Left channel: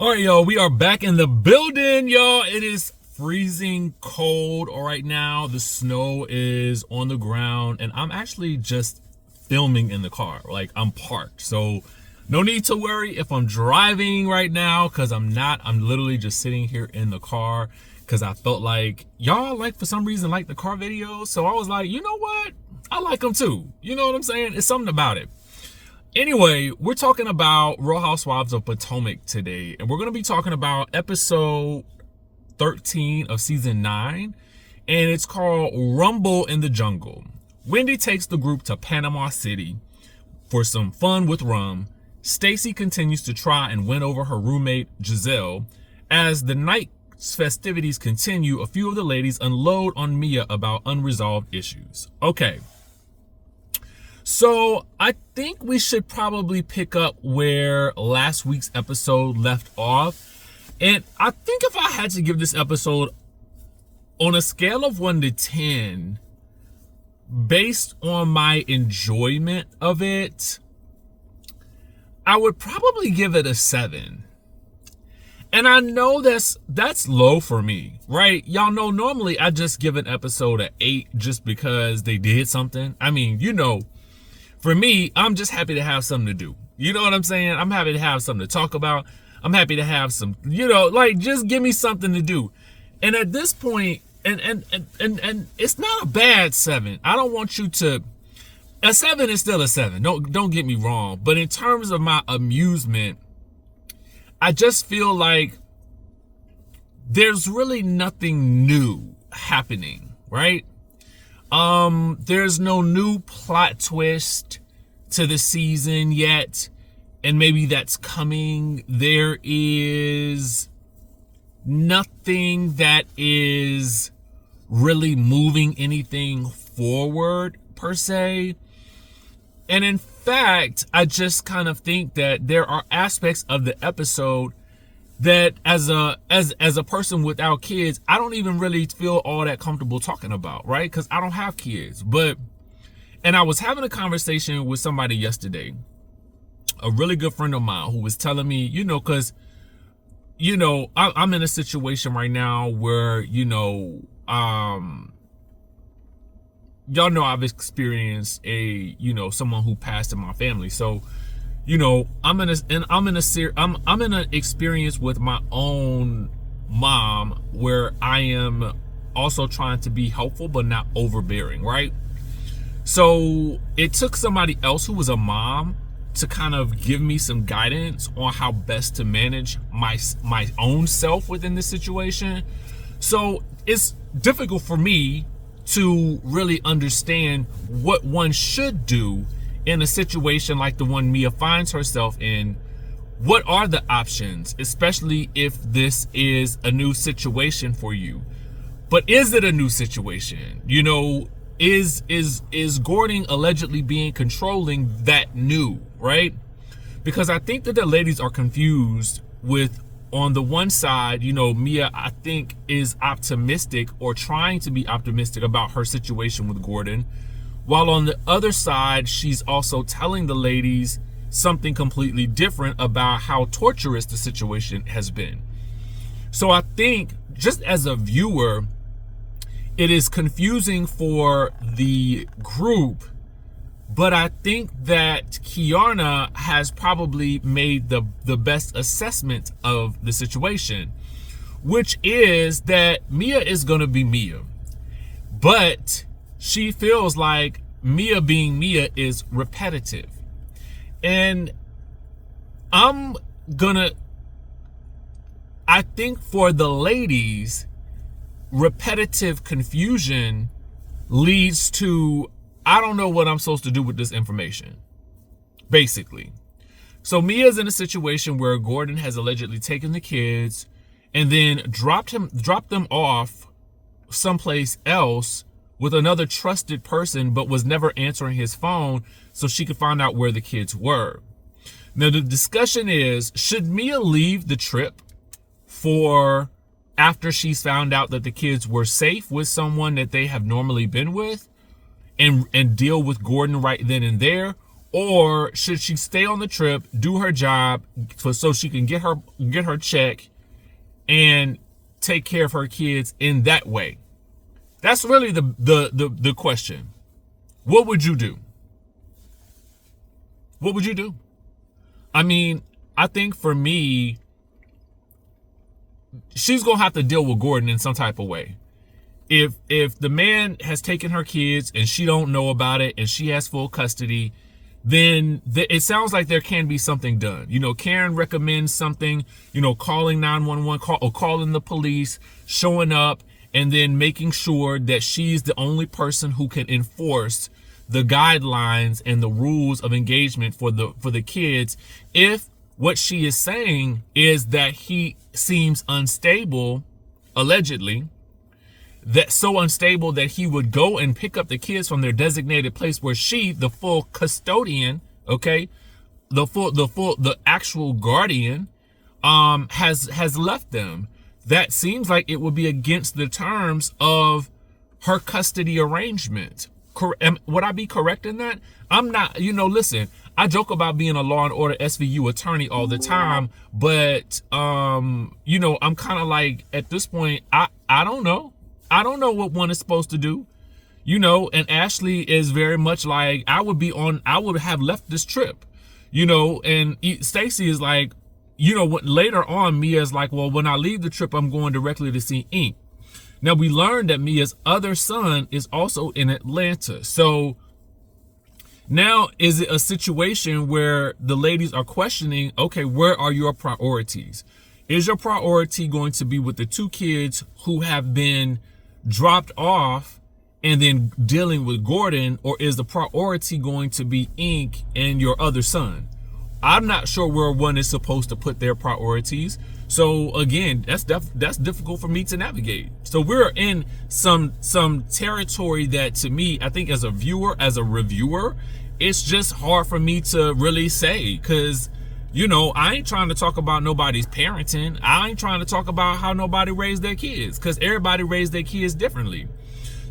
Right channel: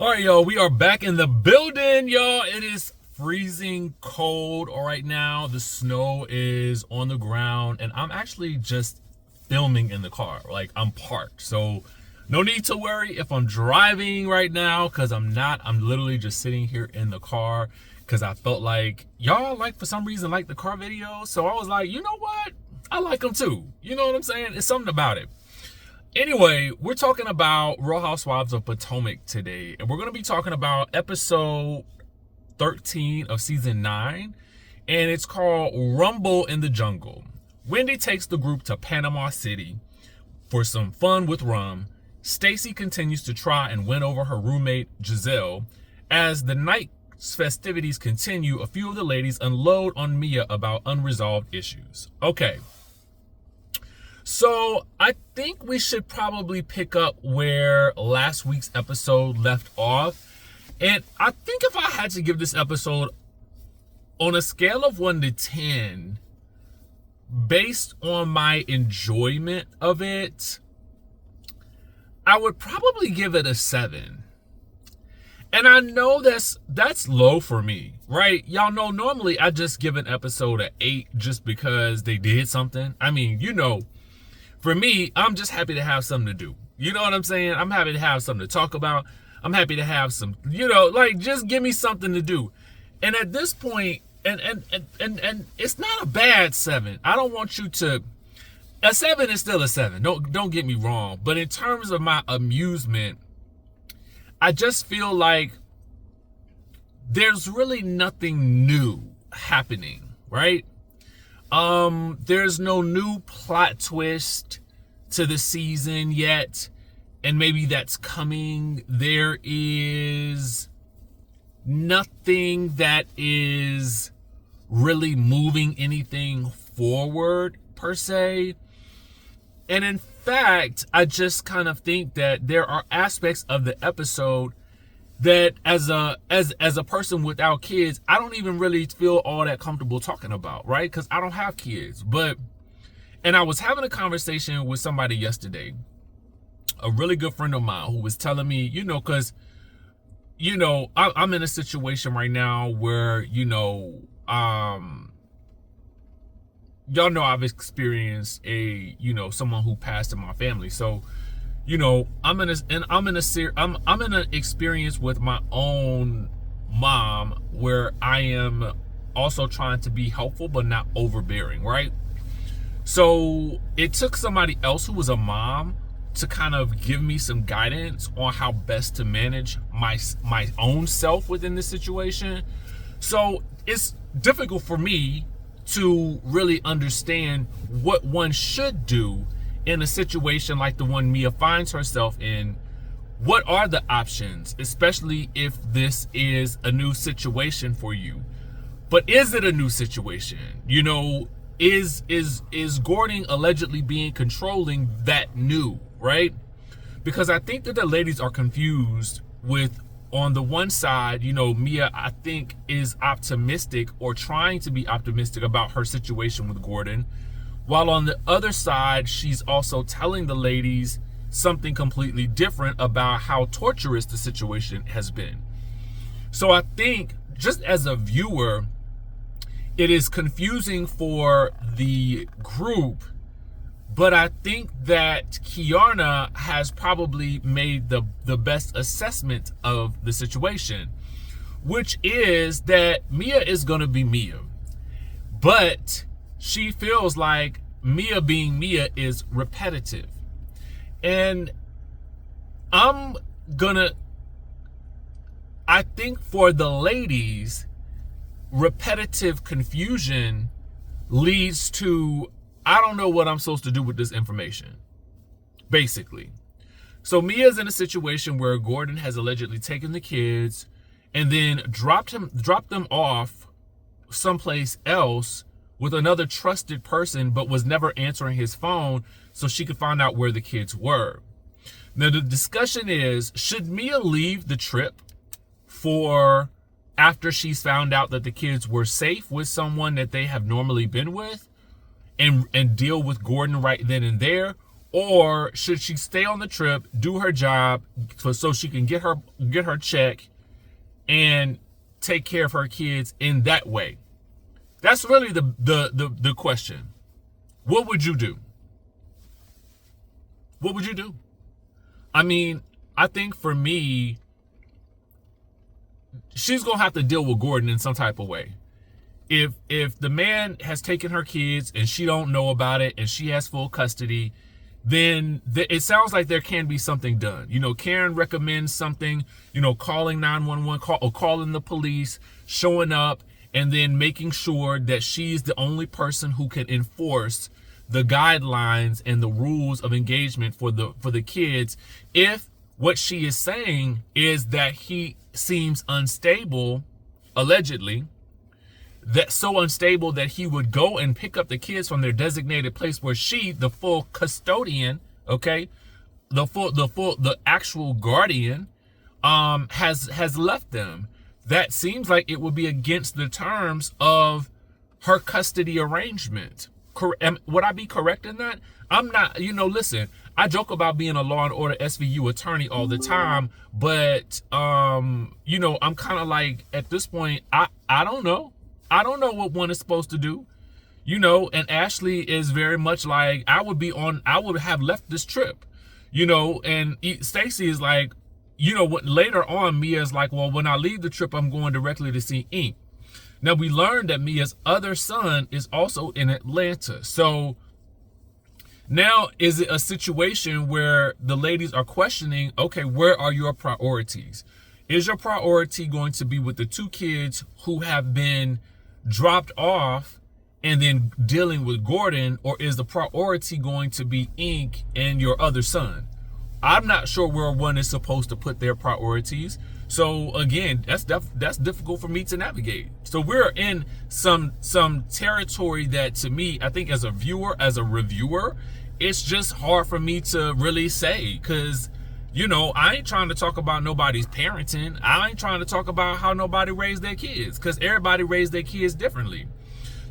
All right, y'all, we are back in the building, y'all. It is freezing cold right now. The snow is on the ground, and I'm actually just filming in the car. Like, I'm parked. So no need to worry if I'm driving right now, because I'm not. I'm literally just sitting here in the car because I felt like y'all, like, for some reason, like the car videos. So I was like, you know what? I like them too. You know what I'm saying? It's something about it. Anyway, we're talking about Real Housewives of Potomac today, and we're going to be talking about episode 13 of season 9, and it's called Rumble in the Jungle. Wendy takes the group to Panama City for some fun with rum. Stacy continues to try and win over her roommate Gizelle. As the night's festivities continue, a few of the ladies unload on Mia about unresolved issues. Okay. So I think we should probably pick up where last week's episode left off. And I think if I had to give this episode on a scale of 1 to 10, based on my enjoyment of it, I would probably give it a 7. And I know that's low for me, right? Y'all know normally I just give an episode an 8 just because they did something. I mean, you know, for me, I'm just happy to have something to do. You know what I'm saying? I'm happy to have something to talk about. I'm happy to have some, you know, like, just give me something to do. And at this point, and it's not a bad 7. I don't want you to, a 7 is still a 7. Don't get me wrong. But in terms of my amusement, I just feel like there's really nothing new happening, right? There's no new plot twist to the season yet, and maybe that's coming. There is nothing that is really moving anything forward per se. And in fact, I just kind of think that there are aspects of the episode that as a person without kids, I don't even really feel all that comfortable talking about, right? Because I don't have kids. And I was having a conversation with somebody yesterday, a really good friend of mine, who was telling me, you know, because, you know, I'm in a situation right now where, you know, y'all know I've experienced someone who passed in my family. So, you know, I'm in an experience with my own mom where I am also trying to be helpful but not overbearing, right? So it took somebody else who was a mom to kind of give me some guidance on how best to manage my own self within this situation. So it's difficult for me to really understand what one should do in a situation like the one Mia finds herself in. What are the options, especially if this is a new situation for you? But is it a new situation? You know, is Gordon allegedly being controlling that new, right? Because I think that the ladies are confused with, on the one side, you know, Mia, I think, is optimistic or trying to be optimistic about her situation with Gordon, while on the other side, she's also telling the ladies something completely different about how torturous the situation has been. So I think, just as a viewer, it is confusing for the group, but I think that Kiana has probably made the best assessment of the situation, which is that Mia is going to be Mia, but she feels like Mia being Mia is repetitive. And I think for the ladies, repetitive confusion leads to, I don't know what I'm supposed to do with this information, basically. So Mia's in a situation where Gordon has allegedly taken the kids and then dropped them off someplace else with another trusted person, but was never answering his phone so she could find out where the kids were. Now, the discussion is, should Mia leave the trip for after she's found out that the kids were safe with someone that they have normally been with, and deal with Gordon right then and there? or should she stay on the trip, do her job so she can get her check and take care of her kids in that way? That's really the question. What would you do? What would you do? I mean, I think for me, she's gonna have to deal with Gordon in some type of way. If the man has taken her kids and she don't know about it and she has full custody, then it sounds like there can be something done. You know, Karen recommends something, you know, calling 911, calling the police, showing up, and then making sure that she's the only person who can enforce the guidelines and the rules of engagement for the kids. If what she is saying is that he seems unstable, allegedly, that so unstable that he would go and pick up the kids from their designated place where she, the full custodian, okay, the actual guardian, has left them. That seems like it would be against the terms of her custody arrangement. Would I be correct in that? I'm not, you know, listen, I joke about being a Law and Order SVU attorney all the time, but, you know, I'm kind of like, at this point, I don't know. I don't know what one is supposed to do, you know, and Ashley is very much like, I would have left this trip, you know, and Stacy is like, you know, later on, Mia's like, well, when I leave the trip, I'm going directly to see Ink. Now, we learned that Mia's other son is also in Atlanta. So now, is it a situation where the ladies are questioning, okay, where are your priorities? Is your priority going to be with the two kids who have been dropped off and then dealing with Gordon, or is the priority going to be Ink and your other son? I'm not sure where one is supposed to put their priorities. So again, that's difficult for me to navigate. So we're in some territory that, to me, I think as a viewer, as a reviewer, it's just hard for me to really say, because, you know, I ain't trying to talk about nobody's parenting. I ain't trying to talk about how nobody raised their kids, because everybody raised their kids differently.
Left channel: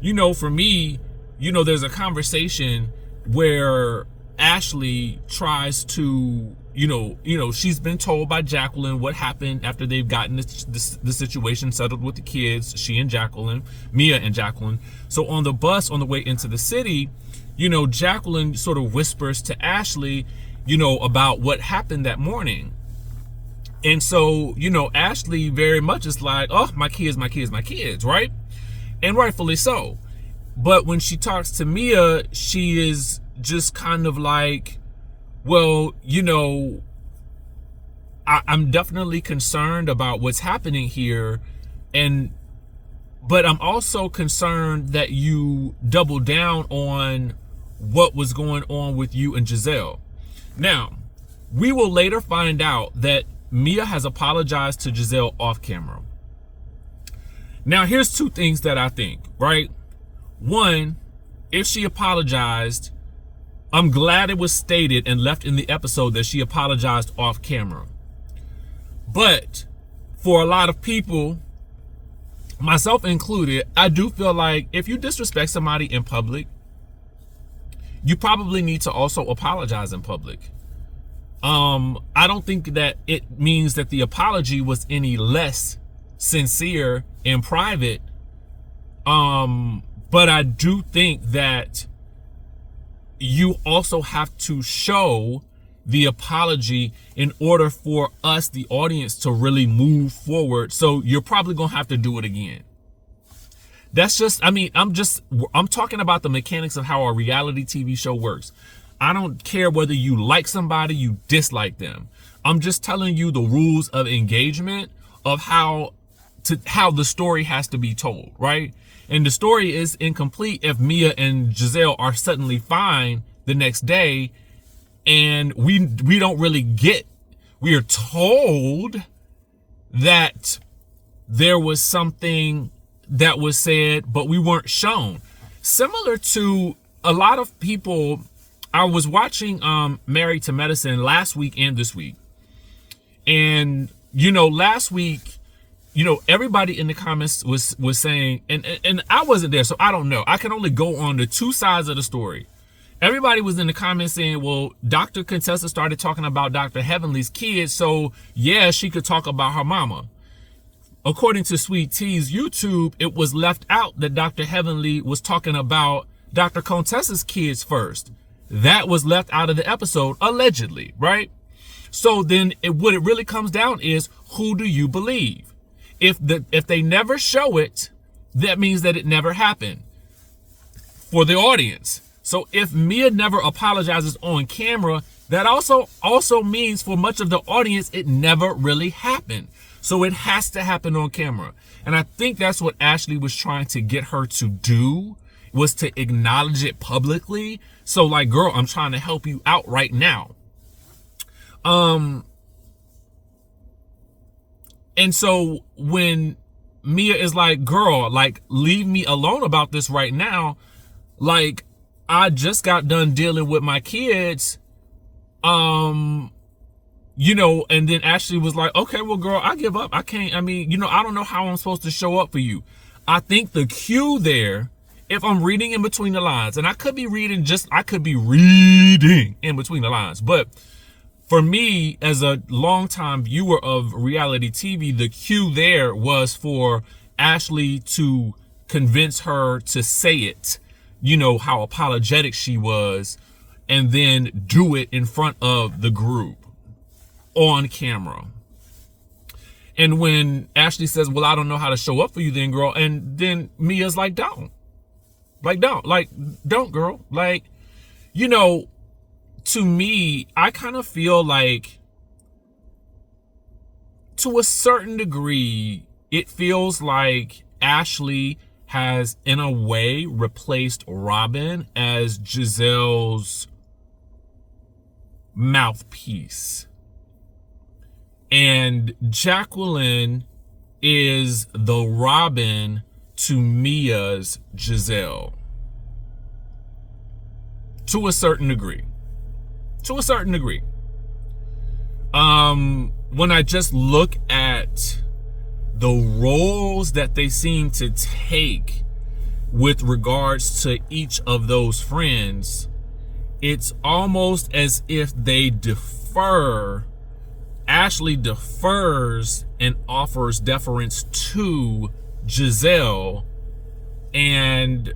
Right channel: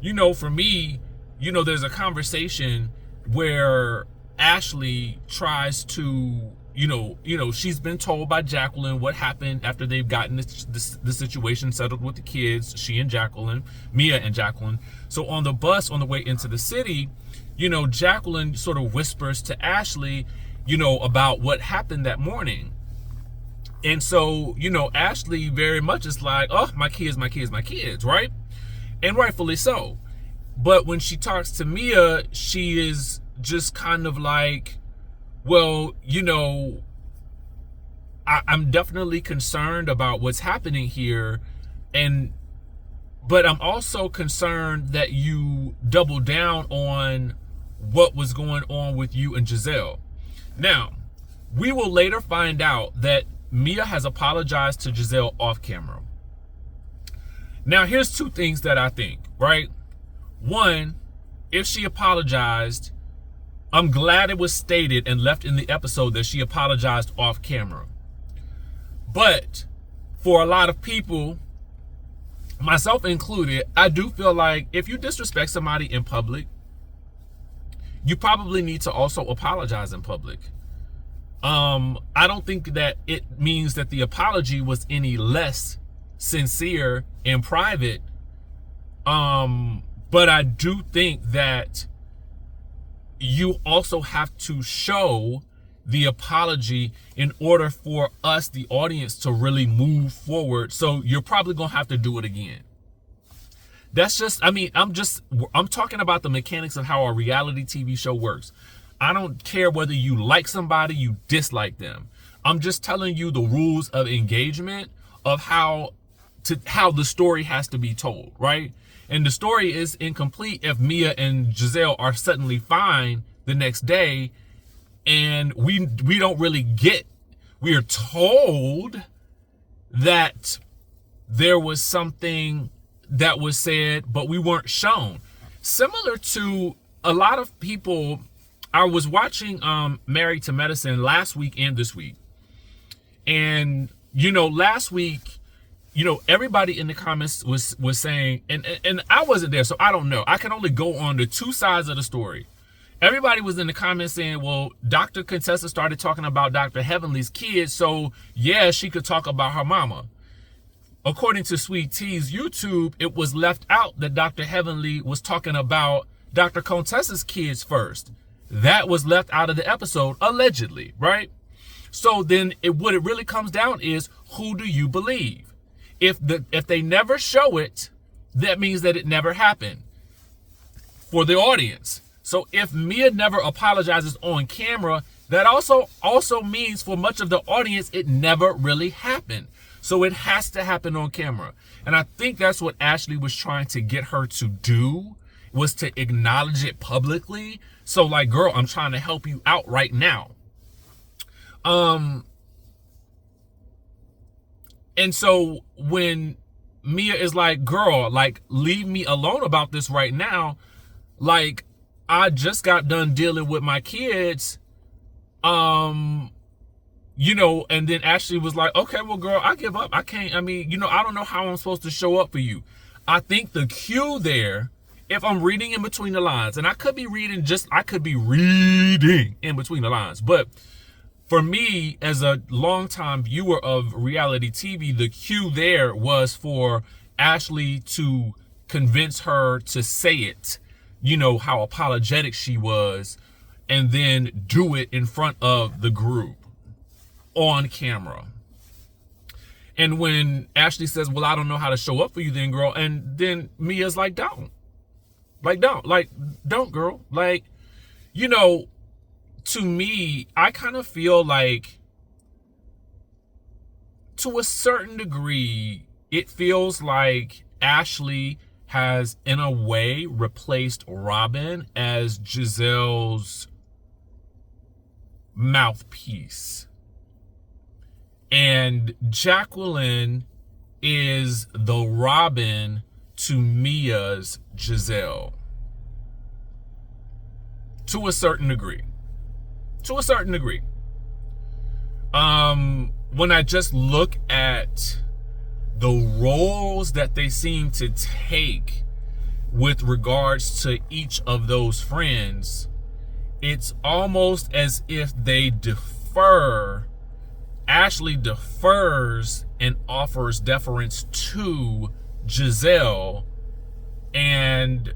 You know, for me, you know, there's a conversation where Ashley tries to, you know, she's been told by Jacqueline what happened after they've gotten the situation settled with the kids, she and Jacqueline, Mia and Jacqueline. So on the bus on the way into the city, you know, Jacqueline sort of whispers to Ashley, you know, about what happened that morning. And so, you know, Ashley very much is like, oh, my kids, right? And rightfully so. But when she talks to Mia, she is just kind of like, well, you know, I'm definitely concerned about what's happening here. But I'm also concerned that you double down on what was going on with you and Gizelle. Now, we will later find out that Mia has apologized to Gizelle off camera. Now, here's two things that I think, right? One, if she apologized, I'm glad it was stated and left in the episode that she apologized off camera. But for a lot of people, myself included, I do feel like if you disrespect somebody in public, you probably need to also apologize in public. I don't think that it means that the apology was any less sincere in private. But I do think that you also have to show the apology in order for us, the audience, to really move forward. So you're probably gonna have to do it again. That's just, I mean, I'm talking about the mechanics of how a reality TV show works. I don't care whether you like somebody, you dislike them. I'm just telling you the rules of engagement of how the story has to be told, right? And the story is incomplete if Mia and Gizelle are suddenly fine the next day, and we don't really get, we are told that there was something that was said, but we weren't shown. Similar to a lot of people, I was watching Married to Medicine last week and this week. And, you know, last week, you know, everybody in the comments was saying, and I wasn't there, so I don't know. I can only go on the two sides of the story. everybody was in the comments saying, well, Dr. Contessa started talking about Dr. Heavenly's kids, so yeah, she could talk about her mama. According to Sweet T's YouTube, it was left out that Dr. Heavenly was talking about Dr. Contessa's kids first. That was left out of the episode, allegedly, right? So then what it really comes down is, who do you believe? If they never show it, that means that it never happened for the audience. So if Mia never apologizes on camera, that also means for much of the audience, it never really happened. So it has to happen on camera. And I think that's what Ashley was trying to get her to do, was to acknowledge it publicly. So like, girl, I'm trying to help you out right now. And so when Mia is like, girl, like, leave me alone about this right now. Like, I just got done dealing with my kids. You know, and then Ashley was like, okay, well, girl, I give up. I can't, I mean, you know, I don't know how I'm supposed to show up for you. I think the cue there, if I'm reading in between the lines, and I could be reading in between the lines, but for me, as a longtime viewer of reality TV, the cue there was for Ashley to convince her to say it, you know, how apologetic she was, and then do it in front of the group on camera. And when Ashley says, well, I don't know how to show up for you then, girl, and then Mia's like, don't, girl. Like, you know, to me, I kind of feel like, to a certain degree, it feels like Ashley has, in a way, replaced Robin as Gizelle's mouthpiece. And Jacqueline is the Robin to Mia's Gizelle. To a certain degree. When I just look at the roles that they seem to take with regards to each of those friends, it's almost as if they defer. Ashley defers and offers deference to Gizelle, and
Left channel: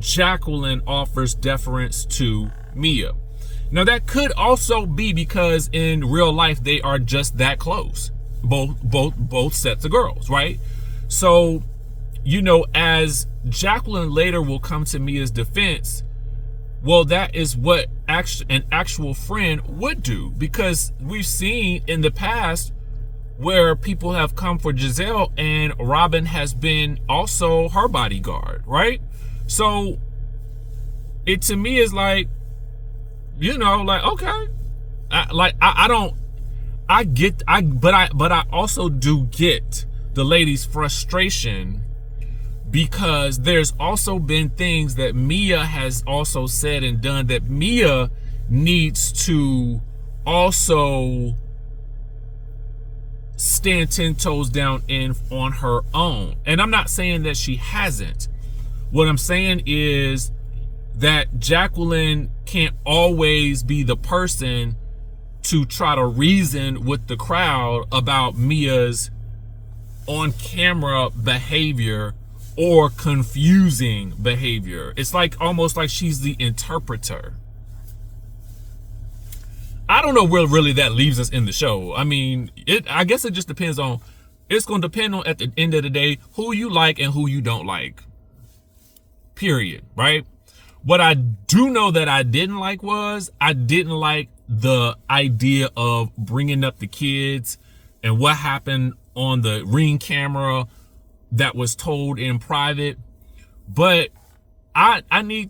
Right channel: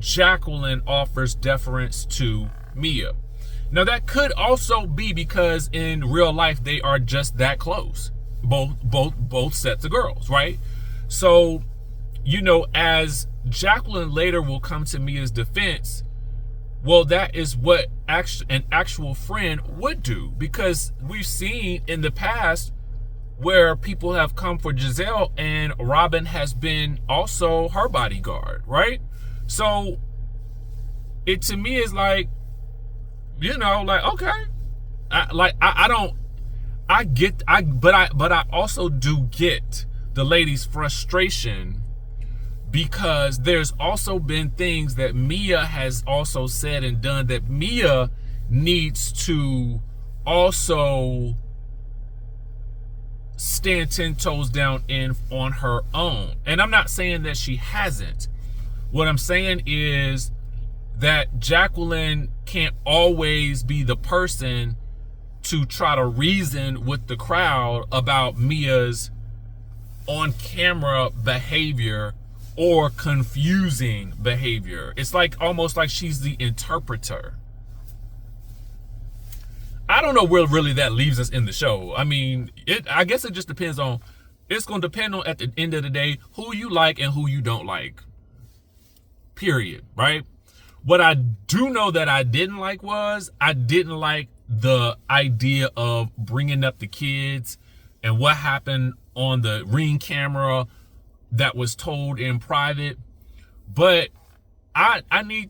Jacqueline offers deference to Mia. Now that could also be because in real life they are just that close, both sets of girls, right? So, you know, as Jacqueline later will come to Mia's defense, well, that is what an actual friend would do, because we've seen in the past where people have come for Gizelle and Robin has been also her bodyguard, right? So it to me is like, you know, like, okay, but I also do get the lady's frustration, because there's also been things that Mia has also said and done that Mia needs to also stand 10 toes down on her own. And I'm not saying that she hasn't. What I'm saying is that Jacqueline can't always be the person to try to reason with the crowd about Mia's on-camera behavior or confusing behavior. It's like almost like she's the interpreter. I don't know where really that leaves us in the show. I mean, I guess it just depends on, it's going to depend on, at the end of the day, who you like and who you don't like. Period, right? What I do know that I didn't like was, I didn't like the idea of bringing up the kids and what happened on the Ring camera that was told in private. But let me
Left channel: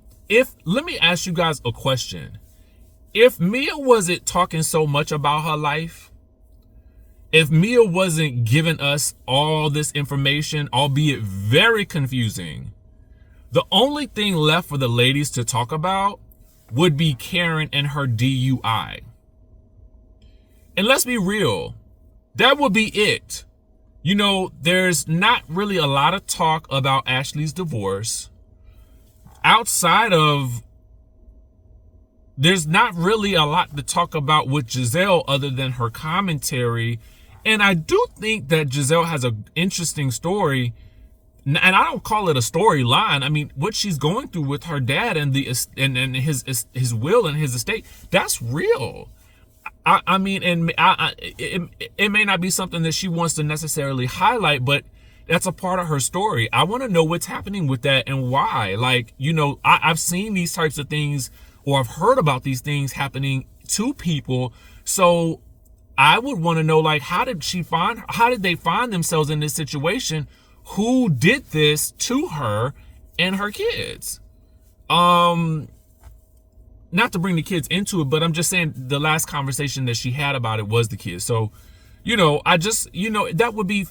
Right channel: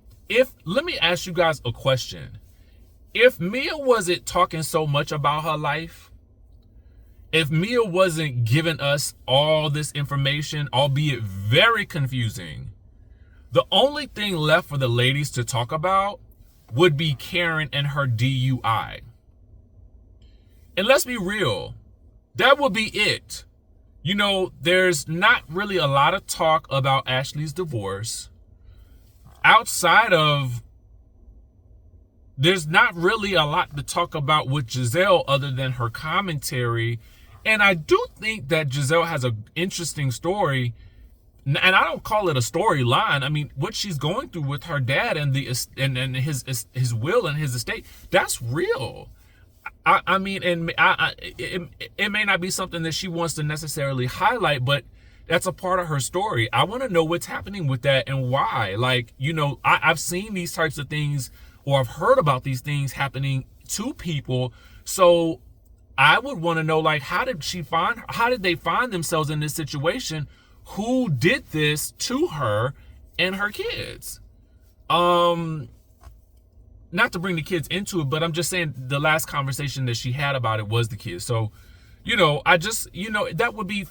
ask you guys a question. If Mia wasn't talking so much about her life, if Mia wasn't giving us all this information, albeit very confusing, the only thing left for the ladies to talk about would be Karen and her DUI. And let's be real, that would be it. You know, there's not really a lot of talk about Ashley's divorce. outside of, there's not really a lot to talk about with Gizelle other than her commentary. And I do think that Gizelle has an interesting story, and I don't call it a storyline. I mean, what she's going through with her dad and his will and his estate, that's real. I mean, and it may not be something that she wants to necessarily highlight, but that's a part of her story. I want to know what's happening with that and why. Like, you know, I've seen these types of things, or I've heard about these things happening to people. So I would want to know, like, how did they find themselves in this situation? Who did this to her and her kids? Not to bring the kids into it, but I'm just saying the last conversation that she had about it was the kids. So, you know, I just, you know, that would be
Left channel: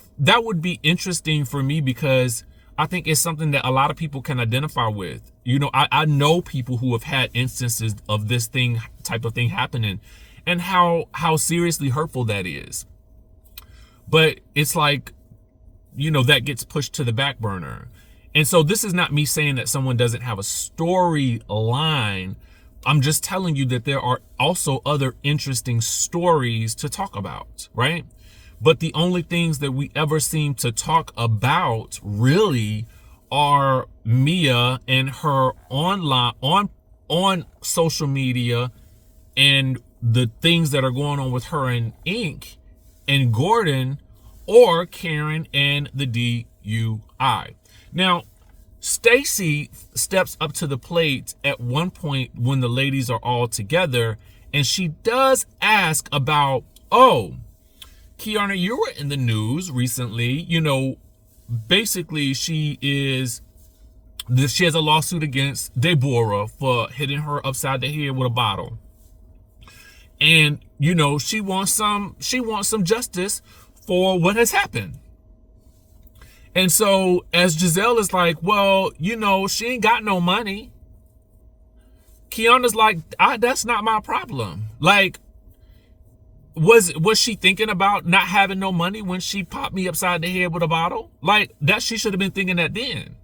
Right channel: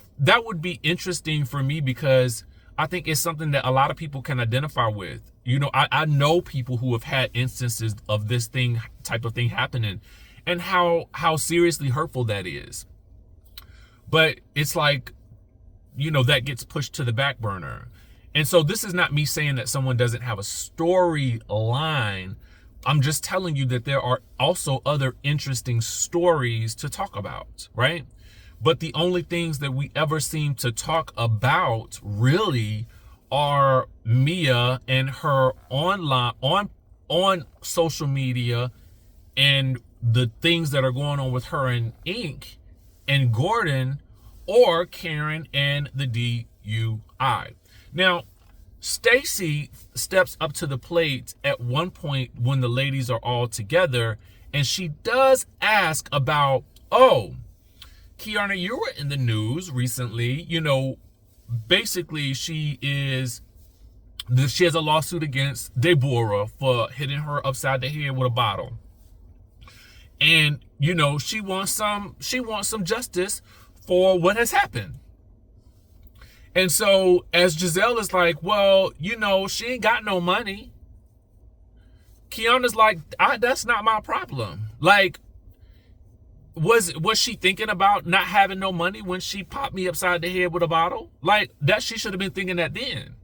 interesting for me, because I think it's something that a lot of people can identify with. You know, I know people who have had instances of this type of thing happening, and how seriously hurtful that is. But it's like, you know, that gets pushed to the back burner. And so this is not me saying that someone doesn't have a storyline. I'm just telling you that there are also other interesting stories to talk about, right? But the only things that we ever seem to talk about really are Mia and her online, on social media, and the things that are going on with her and Ink and Gordon, or Karen and the DUI. Now, Stacy steps up to the plate at one point when the ladies are all together, and she does ask about, oh, Kiana, you were in the news recently. You know, basically she has a lawsuit against Deborah for hitting her upside the head with a bottle. And, you know, she wants some justice for what has happened. And so as Gizelle is like, well, you know, she ain't got no money. Kiana's like, that's not my problem. Like, was she thinking about not having no money when she popped me upside the head with a bottle? Like, that she should have been thinking that then.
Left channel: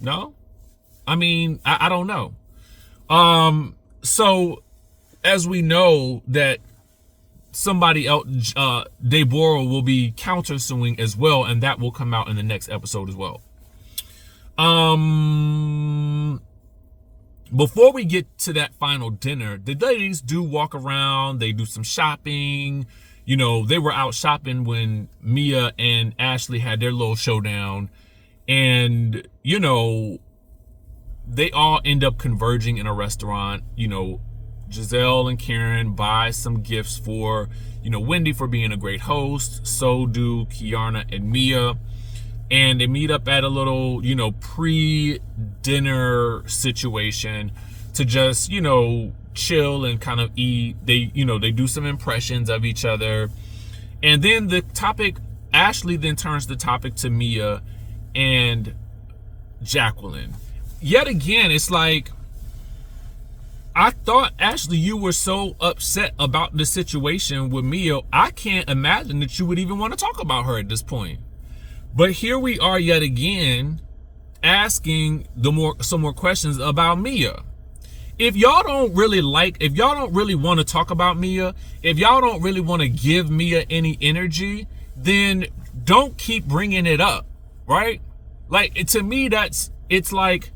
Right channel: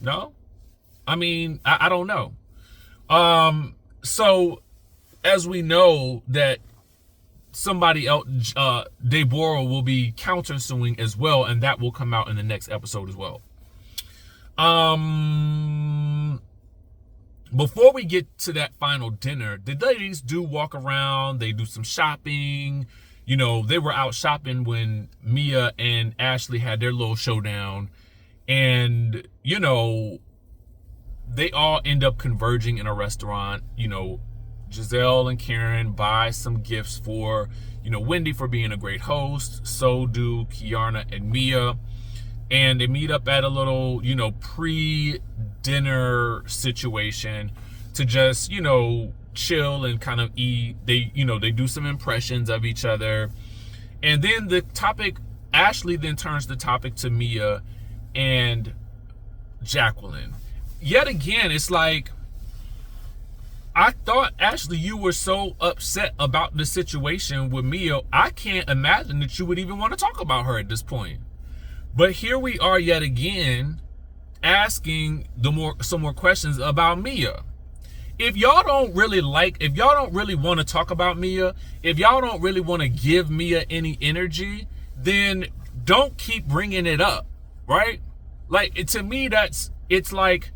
No? I mean, I don't know. So as we know that somebody else, Deborah, will be countersuing as well, and that will come out in the next episode as well. Before we get to that final dinner, the ladies do walk around, they do some shopping. You know, they were out shopping when Mia and Ashley had their little showdown, and, you know, they all end up converging in a restaurant. You know, Gizelle and Karen buy some gifts for, you know, Wendy for being a great host. So do Kiana and Mia. And they meet up at a little, you know, pre-dinner situation to just, you know, chill and kind of eat. They, you know, they do some impressions of each other. And then the topic, Ashley then turns the topic to Mia and Jacqueline. Yet again, it's like, I thought, Ashley, you were so upset about the situation with Mia. I can't imagine that you would even want to talk about her at this point. But here we are yet again asking some more questions about Mia. If y'all don't really want to talk about Mia, if y'all don't really want to give Mia any energy, then don't keep bringing it up, right? Like, to me, it's like,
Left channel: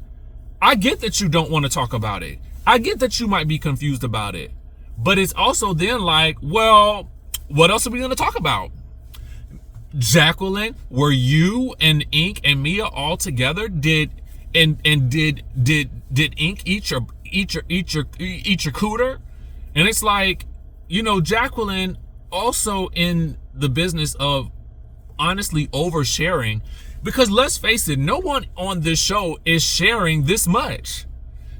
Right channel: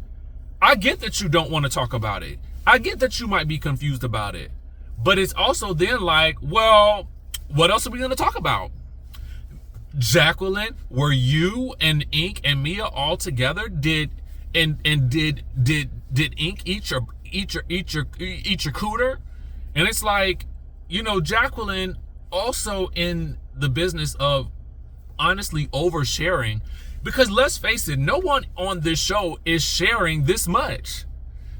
I get that you don't want to talk about it. I get that you might be confused about it. But it's also then like, well, what else are we going to talk about? Jacqueline, were you and Ink and Mia all together? Did Ink eat your cooter? And it's like, you know, Jacqueline also in the business of honestly oversharing, because let's face it, no one on this show is sharing this much.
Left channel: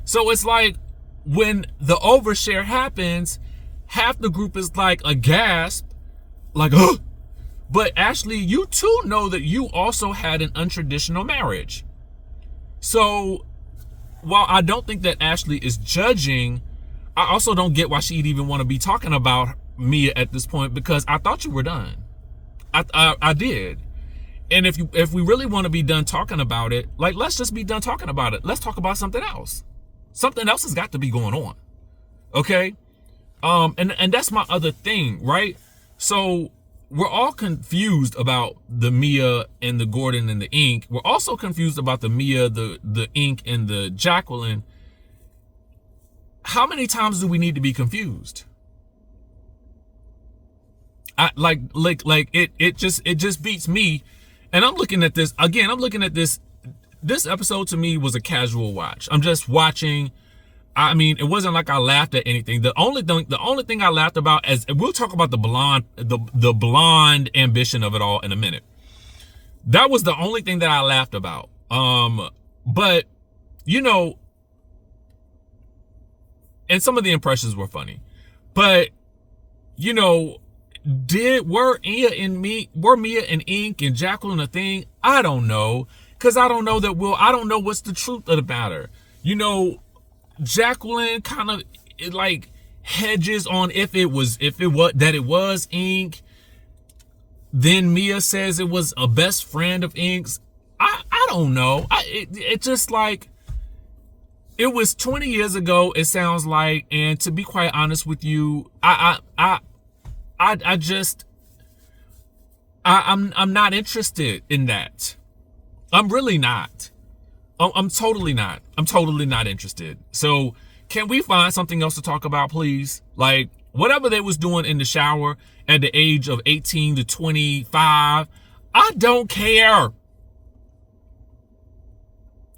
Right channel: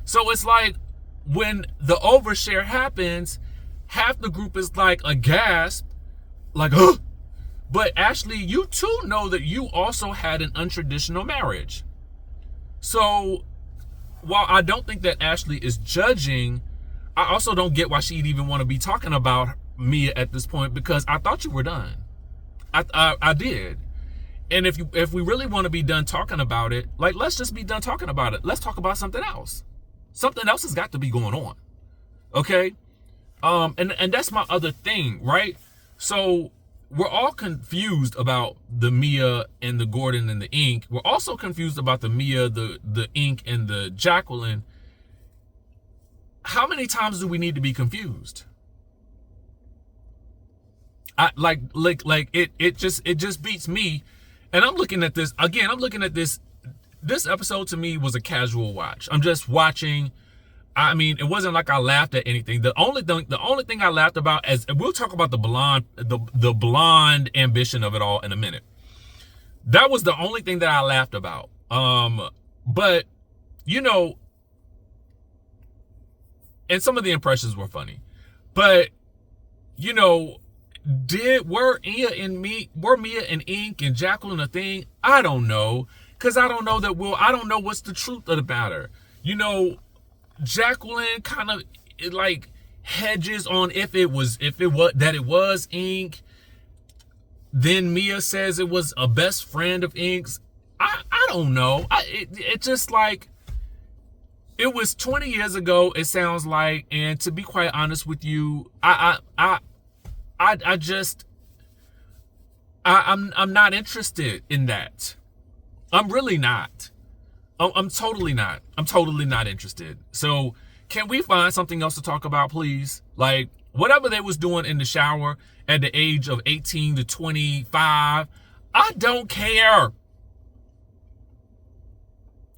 So it's like, when the overshare happens, half the group is like a gasp, like, oh. But Ashley, you too know that you also had an untraditional marriage. So while I don't think that Ashley is judging, I also don't get why she'd even want to be talking about Mia at this point, because I thought you were done. I did. And if we really want to be done talking about it, like, let's just be done talking about it. Let's talk about something else. Something else has got to be going on. Okay? And that's my other thing, right? So we're all confused about the Mia and the Gordon and the Ink. We're also confused about the Mia, the Ink, and the Jacqueline. How many times do we need to be confused? It just beats me. And I'm looking at this again. I'm looking at this. This episode to me was a casual watch. I'm just watching. I mean, it wasn't like I laughed at anything. The only thing I laughed about, as we'll talk about the blonde ambition of it all in a minute. That was the only thing that I laughed about. But you know, and some of the impressions were funny. But you know, were Mia and Ink and Jacqueline a thing? I don't know, because I don't know I don't know what's the truth of the matter. You know, Jacqueline kind of like hedges on if it was Ink. Then Mia says it was a best friend of Ink's. I don't know. It just like, it was 20 years ago, it sounds like, and to be quite honest with you, I'm not interested in that. I'm really not. I'm totally not. I'm totally not interested. So can we find something else to talk about, please? Like, whatever they was doing in the shower at the age of 18 to 25, I don't care.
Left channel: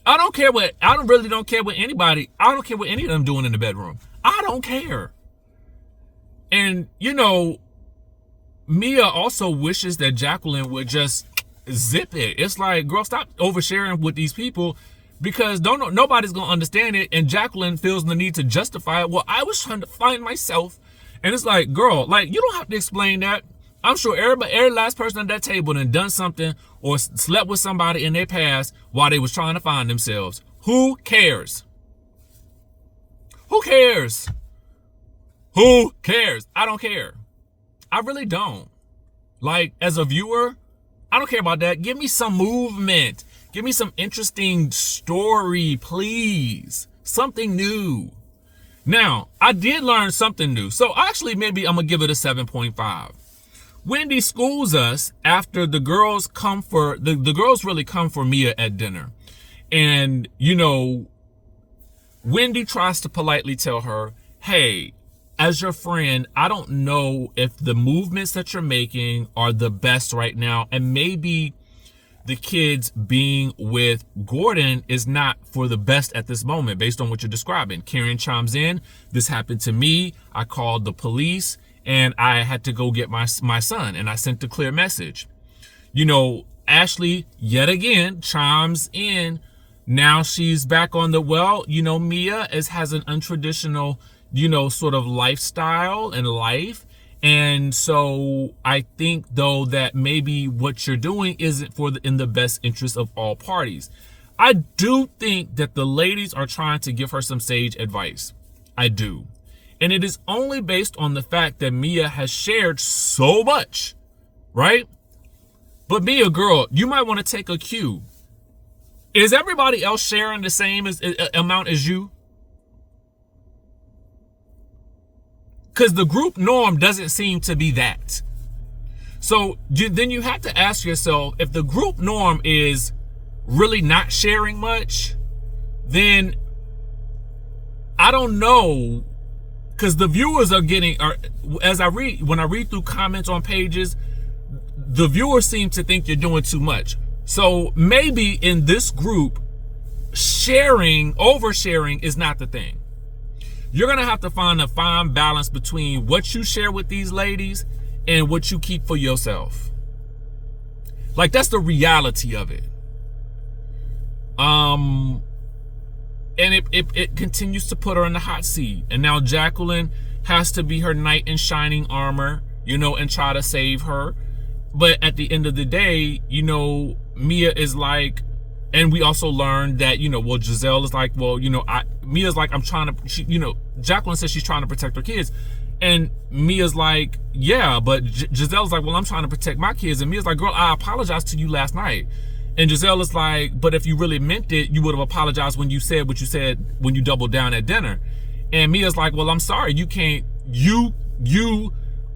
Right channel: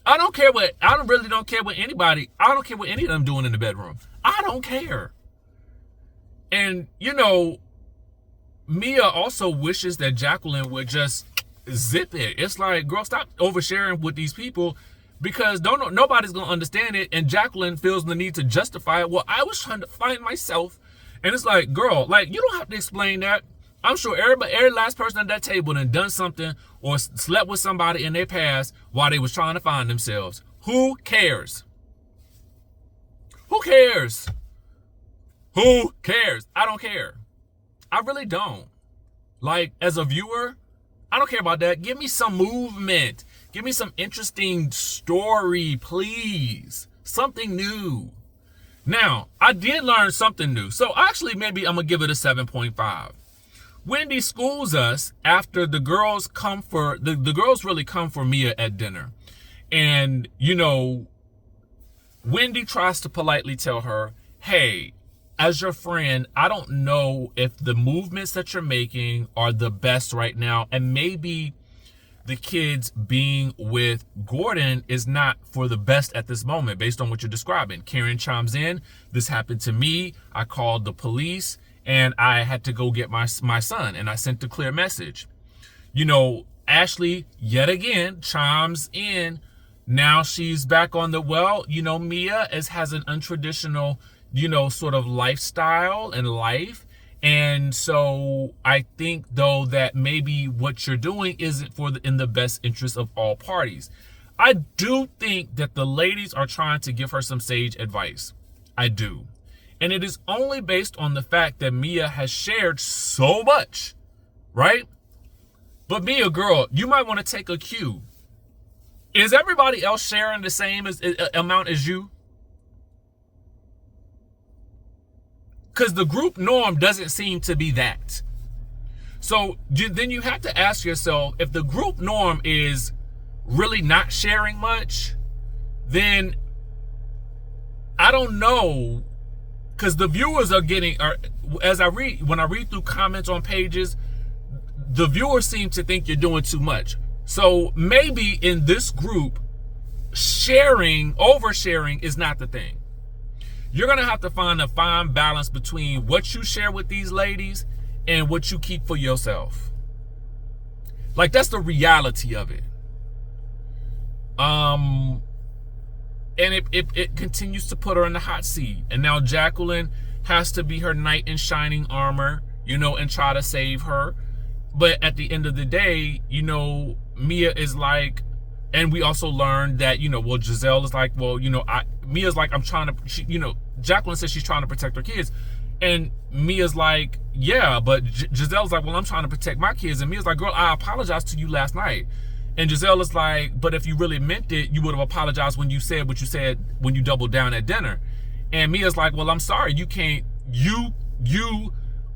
I don't care what anybody, I don't care what any of them doing in the bedroom. I don't care. And, you know, Mia also wishes that Jacqueline would just zip it. It's like, girl, stop oversharing with these people, because nobody's gonna understand it. And Jacqueline feels the need to justify it. Well, I was trying to find myself. And it's like, girl, like, you don't have to explain that. I'm sure every last person at that table done done something or slept with somebody in their past while they was trying to find themselves. Who cares? Who cares? Who cares? I don't care. I really don't. Like, as a viewer, I don't care about that. Give me some movement. Give me some interesting story, please. Something new. Now, I did learn something new. So actually, maybe I'm going to give it a 7.5. Wendy schools us after the girls come for, the girls really come for Mia at dinner. And, you know, Wendy tries to politely tell her, hey, as your friend, I don't know if the movements that you're making are the best right now. And maybe the kids being with Gordon is not for the best at this moment, based on what you're describing. Karen chimes in. This happened to me. I called the police and I had to go get my son, and I sent a clear message. You know, Ashley, yet again, chimes in. Now she's back on the, well, you know, Mia has an untraditional, you know, sort of lifestyle and life. And so I think, though, that maybe what you're doing isn't in the best interest of all parties. I do think that the ladies are trying to give her some sage advice. I do. And it is only based on the fact that Mia has shared so much, right? But Mia, girl, you might want to take a cue. Is everybody else sharing the same amount as you? Because the group norm doesn't seem to be that. So then you have to ask yourself, if the group norm is really not sharing much, then I don't know. Because the viewers are getting, when I read through comments on pages, the viewers seem to think you're doing too much. So maybe in this group, oversharing is not the thing. You're going to have to find a fine balance between what you share with these ladies and what you keep for yourself. Like, that's the reality of it. And it continues to put her in the hot seat. And now Jacqueline has to be her knight in shining armor, you know, and try to save her. But at the end of the day, you know, Mia is like, and we also learned that, you know, well, Gizelle is like, well, you know, Mia's like, Jacqueline says she's trying to protect her kids. And Mia's like, yeah, but Gizelle's like, well, I'm trying to protect my kids. And Mia's like, girl, I apologized to you last night. And Gizelle is like, but if you really meant it, you would have apologized when you said what you said when you doubled down at dinner. And Mia's like, well, I'm sorry, you can't, you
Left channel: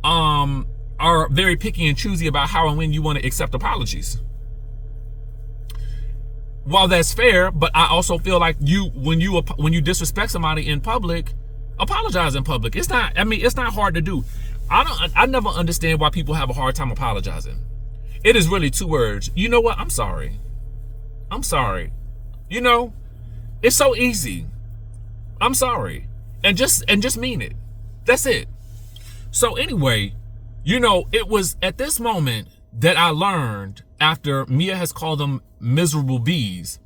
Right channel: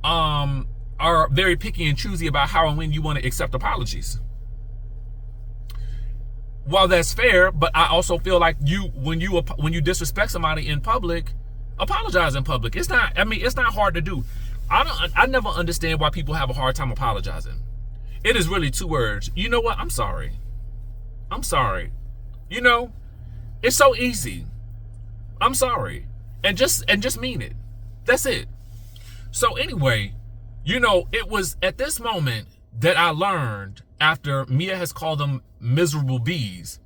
are very picky and choosy about how and when you want to accept apologies. While that's fair, but I also feel like when you disrespect somebody in public, apologize in public. It's not, I mean, it's not hard to do. I never understand why people have a hard time apologizing. It is really 2 words. You know what? I'm sorry. I'm sorry. You know, it's so easy. I'm sorry. And just mean it. That's it. So anyway, you know, it was at this moment that I learned, after Mia has called them miserable bees,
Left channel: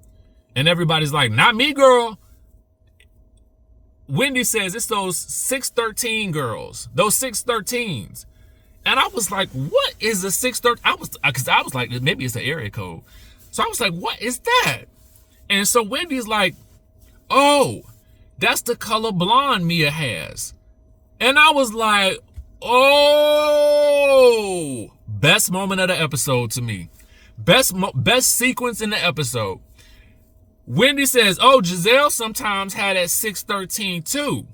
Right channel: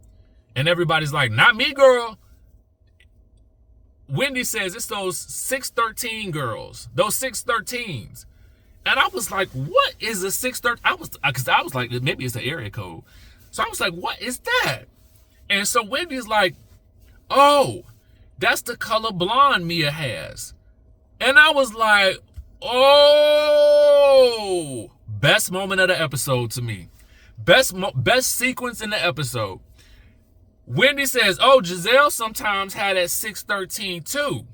and everybody's like, not me, girl. Wendy says it's those 613 girls, those 613s. And I was like, what is a 613? Because I was like, maybe it's the area code. So I was like, what is that? And so Wendy's like, oh, that's the color blonde Mia has. And I was like, oh, best moment of the episode to me. Best sequence in the episode. Wendy says, oh, Gizelle sometimes had that 613 too.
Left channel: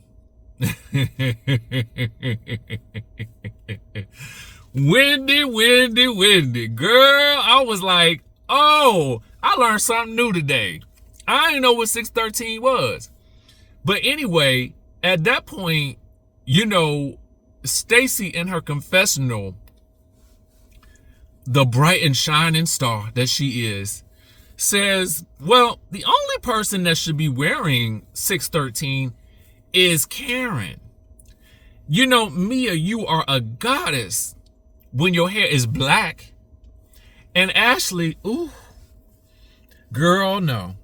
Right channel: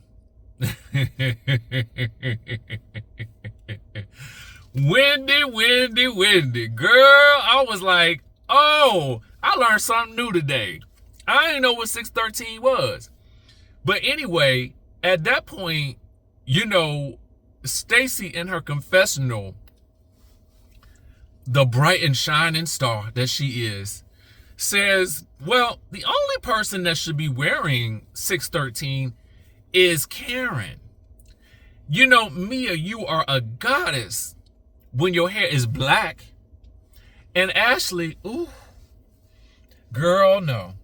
Wendy. Girl, I was like, oh, I learned something new today. I didn't know what 613 was. But anyway, at that point, you know, Stacy in her confessional, the bright and shining star that she is, says, well, the only person that should be wearing 613 is Karen. You know, Mia, you are a goddess when your hair is black. And Ashley, ooh, girl, no.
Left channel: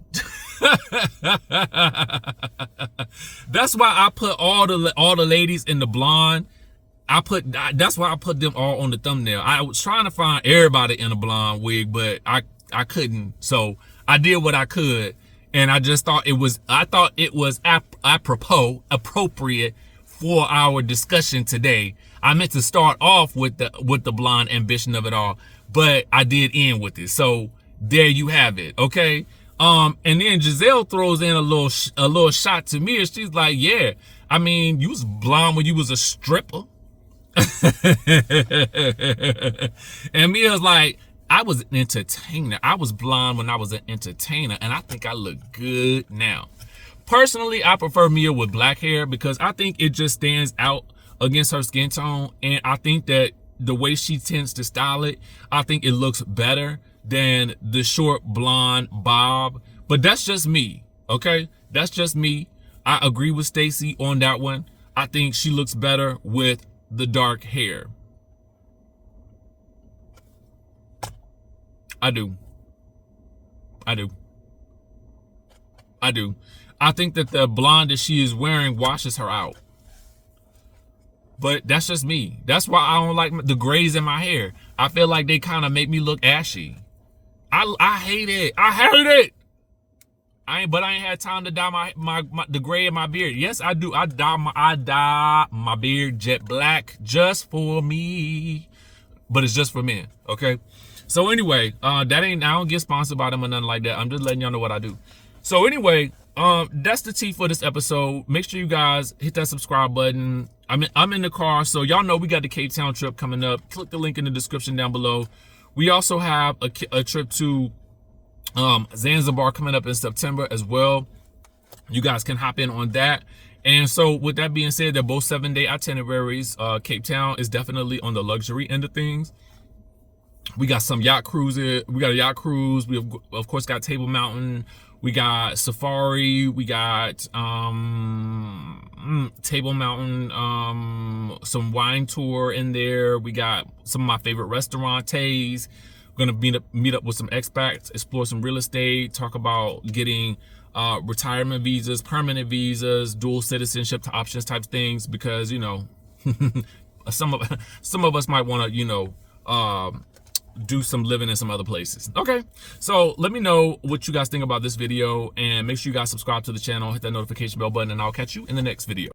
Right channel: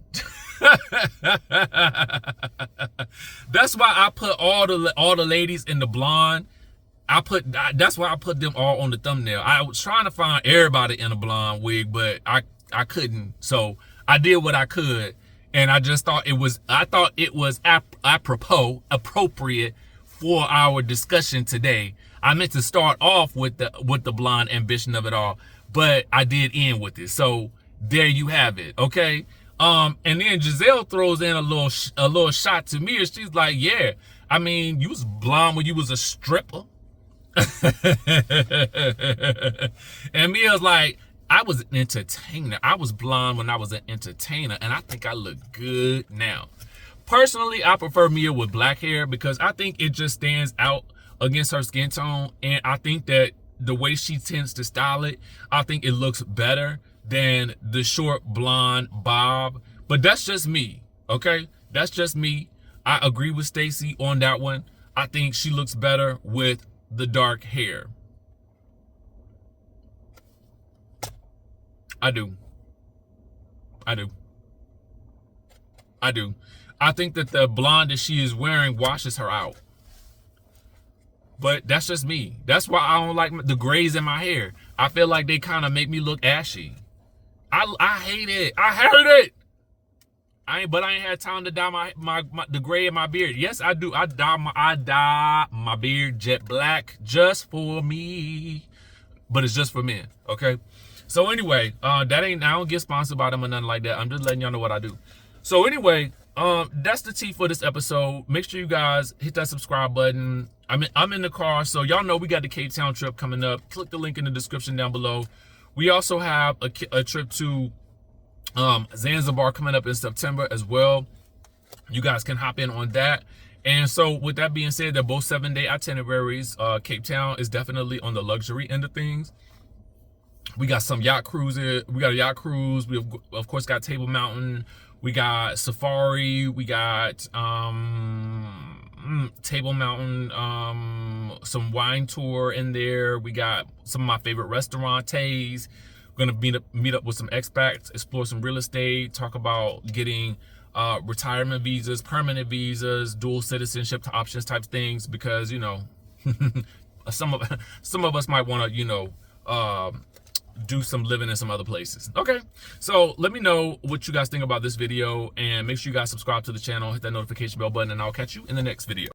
That's why I put all the ladies in the blonde. That's why I put them all on the thumbnail. I was trying to find everybody in a blonde wig, but I couldn't. So I did what I could, and I just thought it was appropriate for our discussion today. I meant to start off with the blonde ambition of it all, but I did end with it. So there you have it. Okay. And then Gizelle throws in a little shot to me, and she's like, yeah, I mean, you was blonde when you was a stripper. And Mia's like, I was an entertainer. I was blonde when I was an entertainer, and I think I look good now. Personally, I prefer Mia with black hair because I think it just stands out against her skin tone, and I think that the way she tends to style it, I think it looks better than the short blonde bob. But that's just me, okay? That's just me. I agree with Stacy on that one. I think she looks better with the dark hair. I do. I think that the blonde that she is wearing washes her out. But that's just me. That's why I don't like the grays in my hair. I feel like they kind of make me look ashy. I hate it. I hate it. But I ain't had time to dye the gray in my beard. Yes, I do. I dye my beard jet black just for me. But it's just for men, okay? So anyway, I don't get sponsored by them or nothing like that. I'm just letting y'all know what I do. So anyway, that's the tea for this episode. Make sure you guys hit that subscribe button. I'm in the car, so y'all know we got the Cape Town trip coming up. Click the link in the description down below. We also have a trip to Zanzibar coming up in September as well. You guys can hop in on that. And so with that being said, they're both 7-day itineraries. Cape Town is definitely on the luxury end of things. We got some yacht cruises. We got a yacht cruise. We of course got Table Mountain. We got Safari. We got Table Mountain, some wine tour in there. We got some of my favorite restaurantes. We're gonna meet up with some expats, explore some real estate, talk about getting retirement visas, permanent visas, dual citizenship options type things, because you know some of us might want to, you know, do some living in some other places. Okay, so let me know what you guys think about this video, and make sure you guys subscribe to the channel, hit that notification bell button, and I'll catch you in the next video.